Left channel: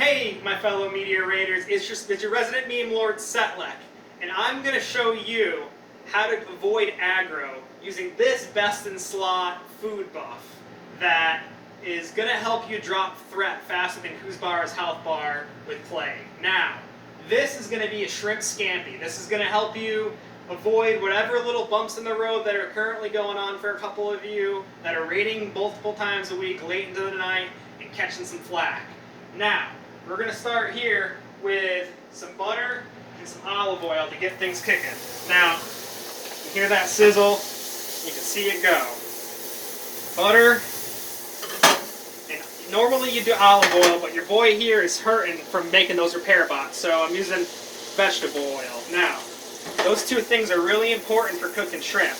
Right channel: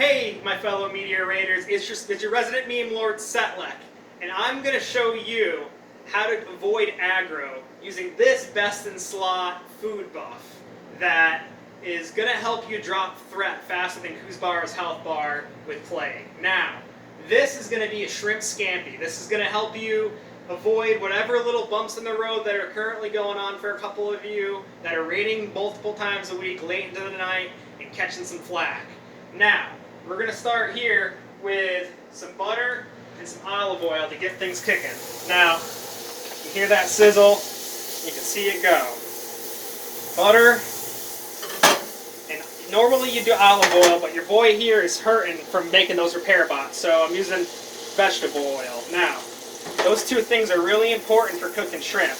Hey, my fellow media raiders, it's your resident meme lord Setlek, and I'm going to show you how to avoid aggro using this best in slot food buff that is going to help you drop threat faster than Kuzbar's health bar with Plague. Now, this is going to be a shrimp scampi. This is going to help you avoid whatever little bumps in the road that are currently going on for a couple of you that are raiding multiple times a week late into the night and catching some flack. Now, we're going to start here with some butter and some olive oil to get things kicking. Now, you hear that sizzle, you can see it go. Butter, and normally you do olive oil, but your boy here is hurting from making those repair bots, so I'm using vegetable oil. Now, those two things are really important for cooking shrimp,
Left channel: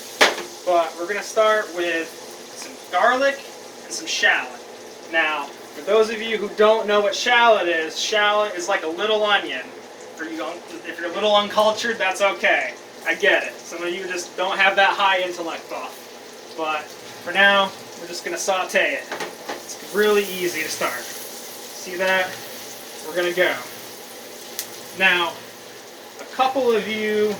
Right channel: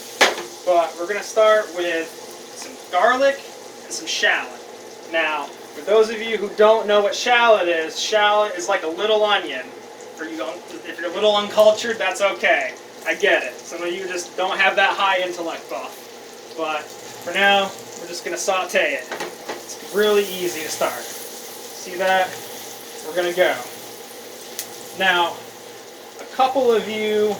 but we're going to start with some garlic and some shallot. Now, for those of you who don't know what shallot is like a little onion. If you're a little uncultured, that's okay. I get it. Some of you just don't have that high intellect buff. But for now, we're just going to saute it. It's really easy to start. See that? We're going to go. Now, a couple of you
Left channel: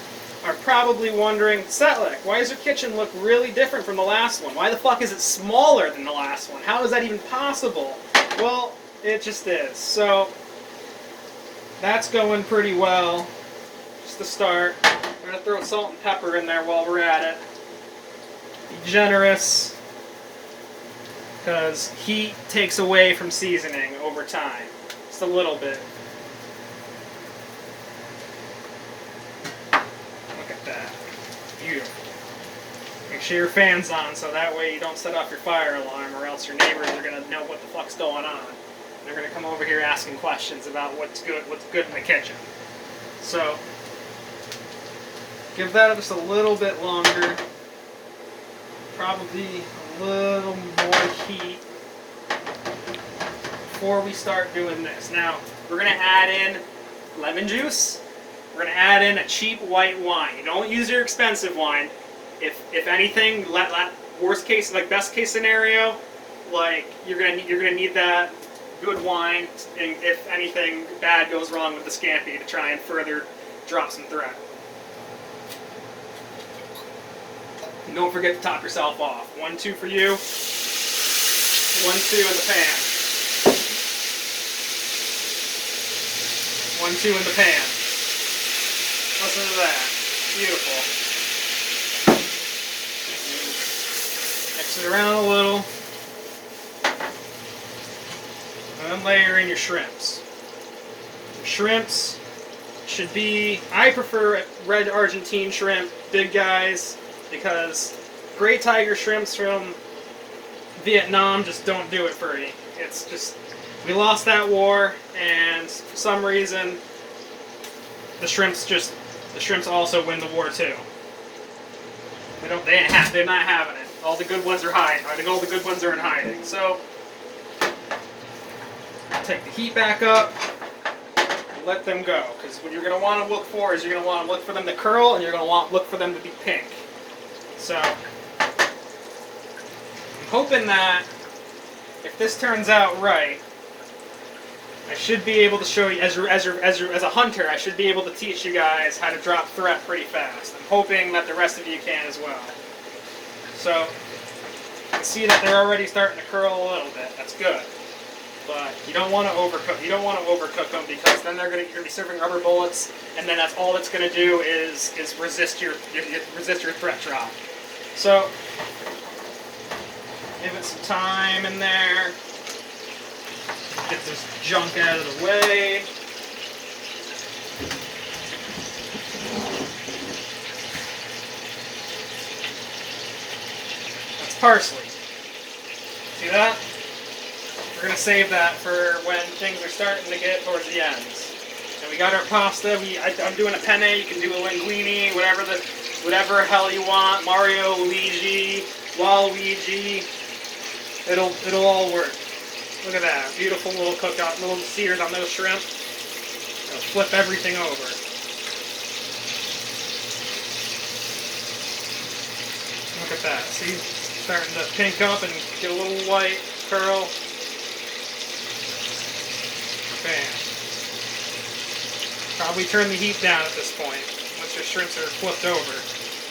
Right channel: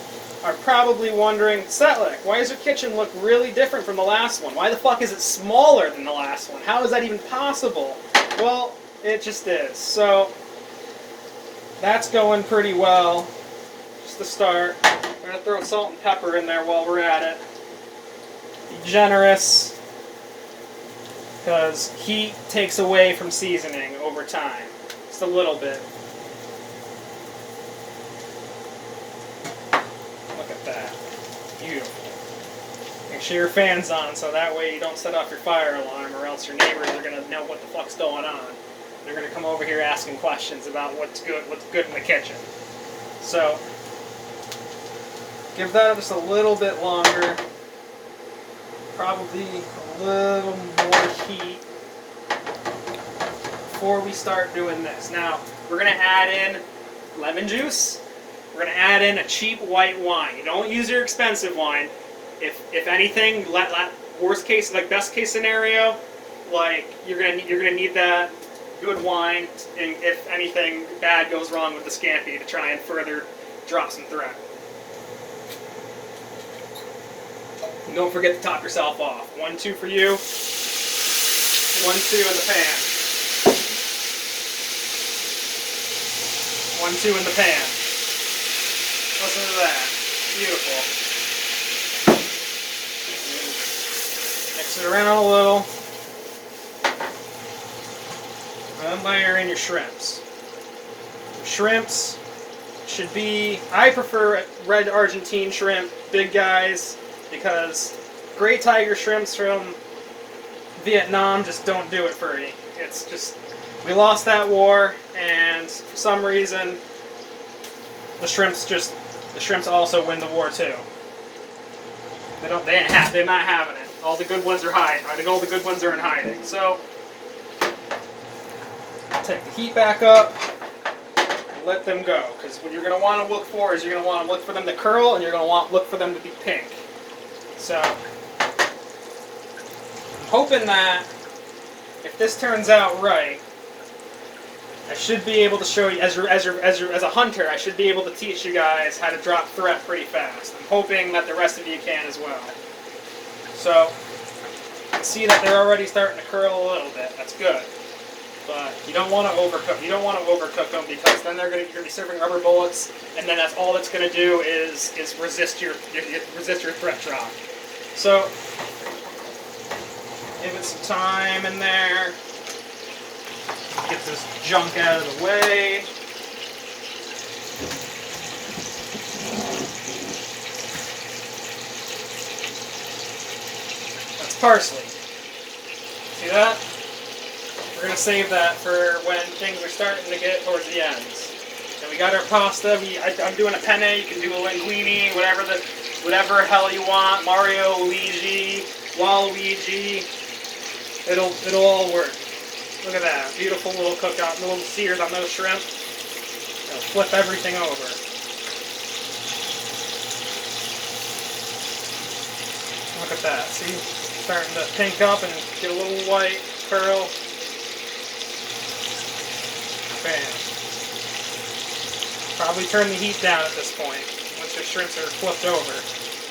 are probably wondering, Setlek, why does your kitchen look really different from the last one? Why the fuck is it smaller than the last one? How is that even possible? Well, it just is. So, that's going pretty well. Just to start, we're going to throw salt and pepper in there while we're at it. Be generous, because heat takes away from seasoning over time. Just a little bit. Look at that. Beautiful. Make sure your fan's on so that way you don't set off your fire alarm, or else your neighbors are going to know what the fuck's going on. They're going to come over here asking questions about what's good in the kitchen. So, give that just a little bit longer. Probably a little more heat before we start doing this. Now, we're going to add in lemon juice. We're going to add in a cheap white wine. You don't use your expensive wine. If anything, worst case, like best case scenario, like you're gonna need that good wine, and if anything bad goes wrong with the scampi, to try and further drop some threat. And don't forget to top yourself off. 1-2 for you. 1-2 in the pan. 1-2 in the pan. Listen to that. Beautiful. Mix it around a little. And layer in your shrimps. Your shrimps should be, I prefer red Argentine shrimp, big guys, because gray tiger shrimps from Vietnam just don't do it for me. It's just, we lost that war, and for some reason, the shrimps also win the war too. They're not having it. All the good ones are hiding. I think all the good ones are in hiding. So, take the heat back up and let them go. Because what you're going to want to look for is you're going to want to look for them to curl, and you're going to want to look for them to be pink. So, I'm hoping that if this turns out right, I should be able to show you, as a hunter, I should be able to teach you guys how to drop threat pretty fast. I'm hoping that the rest of you can as well. So, you can see that they're already starting to curl a little bit. That's good. But you don't want to overcook. You don't want to overcook them, because then you're going to be serving rubber bullets, and then that's all that's going to do is resist your threat drop. So, give it some time in there. Get this junk out of the way. That's parsley. See that? We're going to save that for when things are starting to get towards the ends. And we got our pasta. I'm doing a penne. You can do a linguine, whatever hell you want. Mario, Luigi, Waluigi. It'll all work. Look at that. Beautiful little cookout, little sears on those shrimp. It'll flip everything over. Look at that. See? Starting to pink up and get a little white curl. Bam. Probably turn the heat down at this point once your shrimps are flipped over,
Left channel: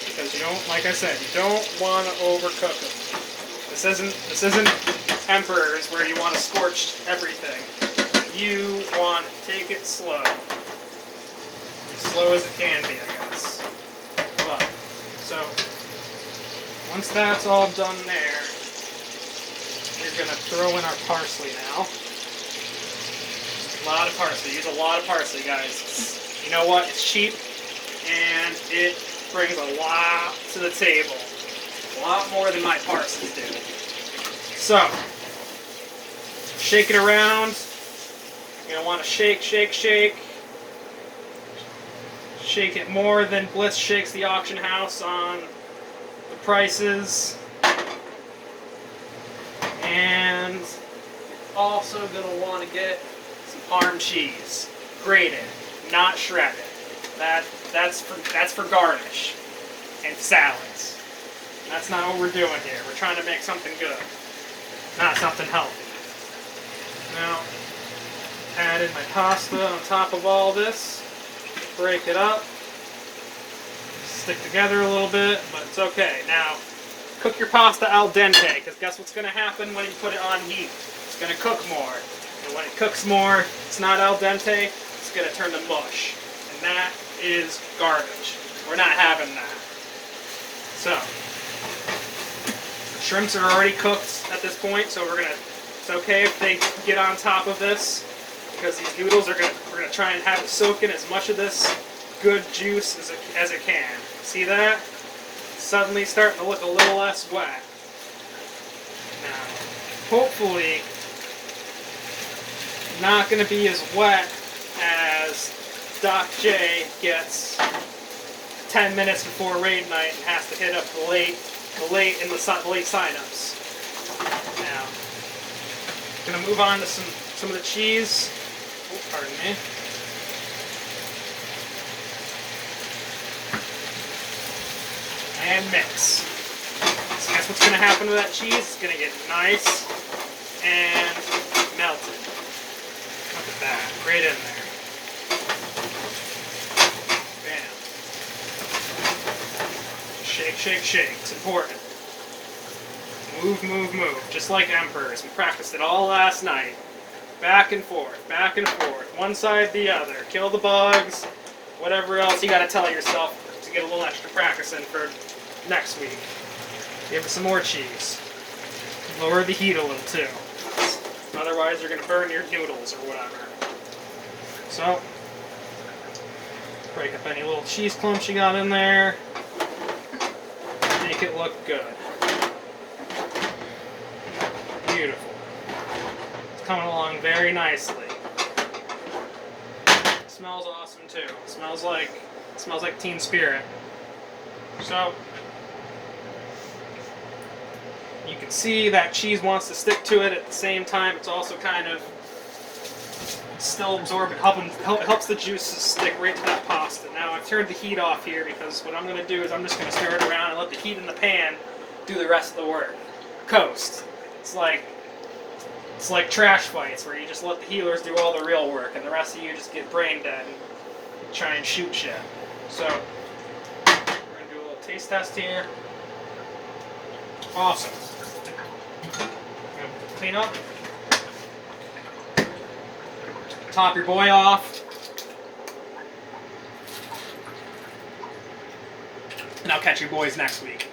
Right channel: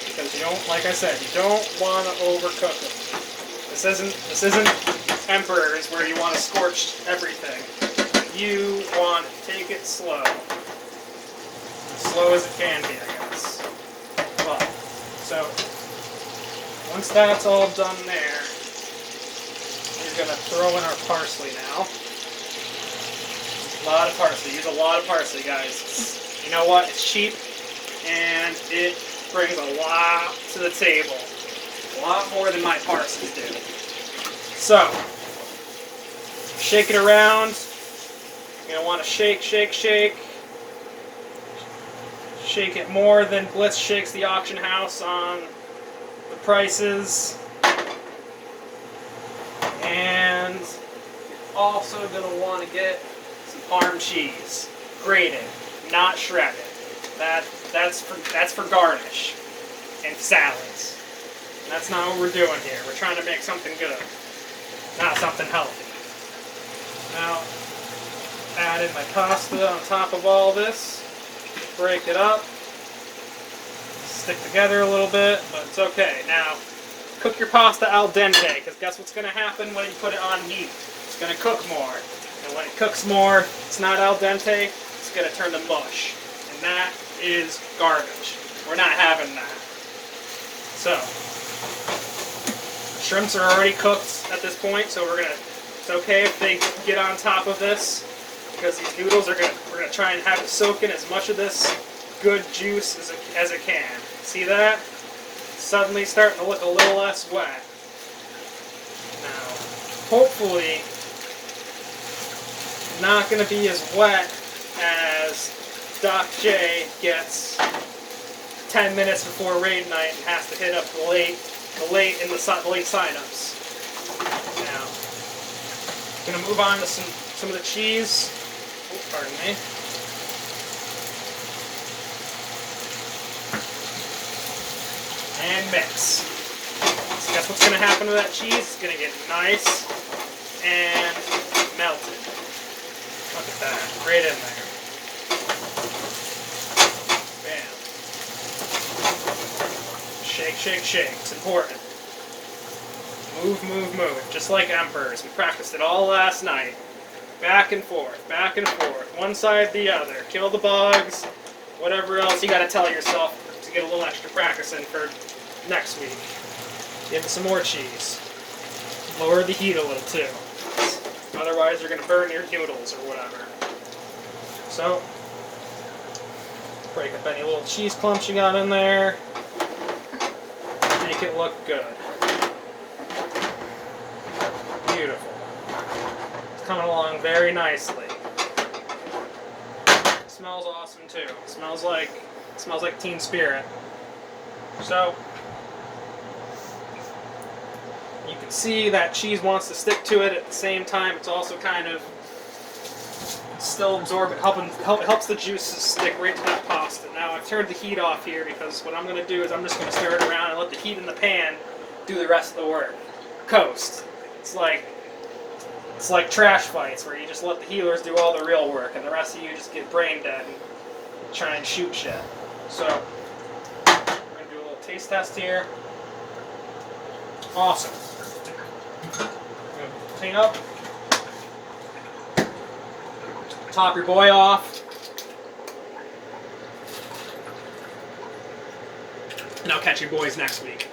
because you don't, like I said, you don't want to overcook them. This isn't Emperor's where you want to scorch everything. You want to take it slow, as slow as it can be, I guess. But so once that's all done there, we're gonna throw in our parsley now. A lot of parsley. Use a lot of parsley, guys. You know what? It's cheap, and it brings a lot to the table. A lot more than my parsley do. So, shake it around. You're going to want to shake, shake, shake. Shake it more than Bliss shakes the auction house on the prices. And you're also going to want to get some farm cheese. Grated, not shredded. That's for garnish and salads. That's not what we're doing here. We're trying to make something good, not something healthy. Now, add in my pasta on top of all this. Break it up. Stick together a little bit, but it's okay. Now, cook your pasta al dente, because guess what's going to happen when you put it on heat? It's going to cook more. And when it cooks more, it's not al dente, it's going to turn to mush. And that is garbage. We're not having that. So, shrimps are already cooked at this point, so it's okay if they get on top of this, because these noodles we're gonna try and have it soak in as much of this good juice as it can. See that? Suddenly starting to look a little less wet. Now, hopefully, not gonna be as wet as Doc J gets 10 minutes before raid night and has to hit up the late signups. Now, gonna move on to some of the cheese. Oops, pardon me. And mix. So guess what's gonna happen to that cheese? It's gonna get nice and melted. Look at that, right in there. Bam. Shake, shake, shake. It's important. Move, move, move. Just like Emperors. We practiced it all last night. Back and forth, back and forth. One side, the other. Kill the bugs. Whatever else you gotta tell yourself to get a little extra practice in for next week. Give it some more cheese. Lower the heat a little too. Otherwise you're gonna burn your noodles or whatever. So, break up any little cheese clumps you got in there. Make it look good. Beautiful. It's coming along very nicely. It smells awesome too. It smells like Teen Spirit. So you can see that cheese wants to stick to it. At the same time, it's also kind of still absorbent, helps the juices stick right to that pasta. Now I've turned the heat off here because what I'm going to do is I'm just going to stir it around and let the heat in the pan do the rest of the work. Coast. It's like trash fights where you just let the healers do all the real work and the rest of you just get brain dead and try and shoot shit. So we're going to do a little taste test here. Awesome. Clean up. Top your boy off. And I'll catch you boys next week.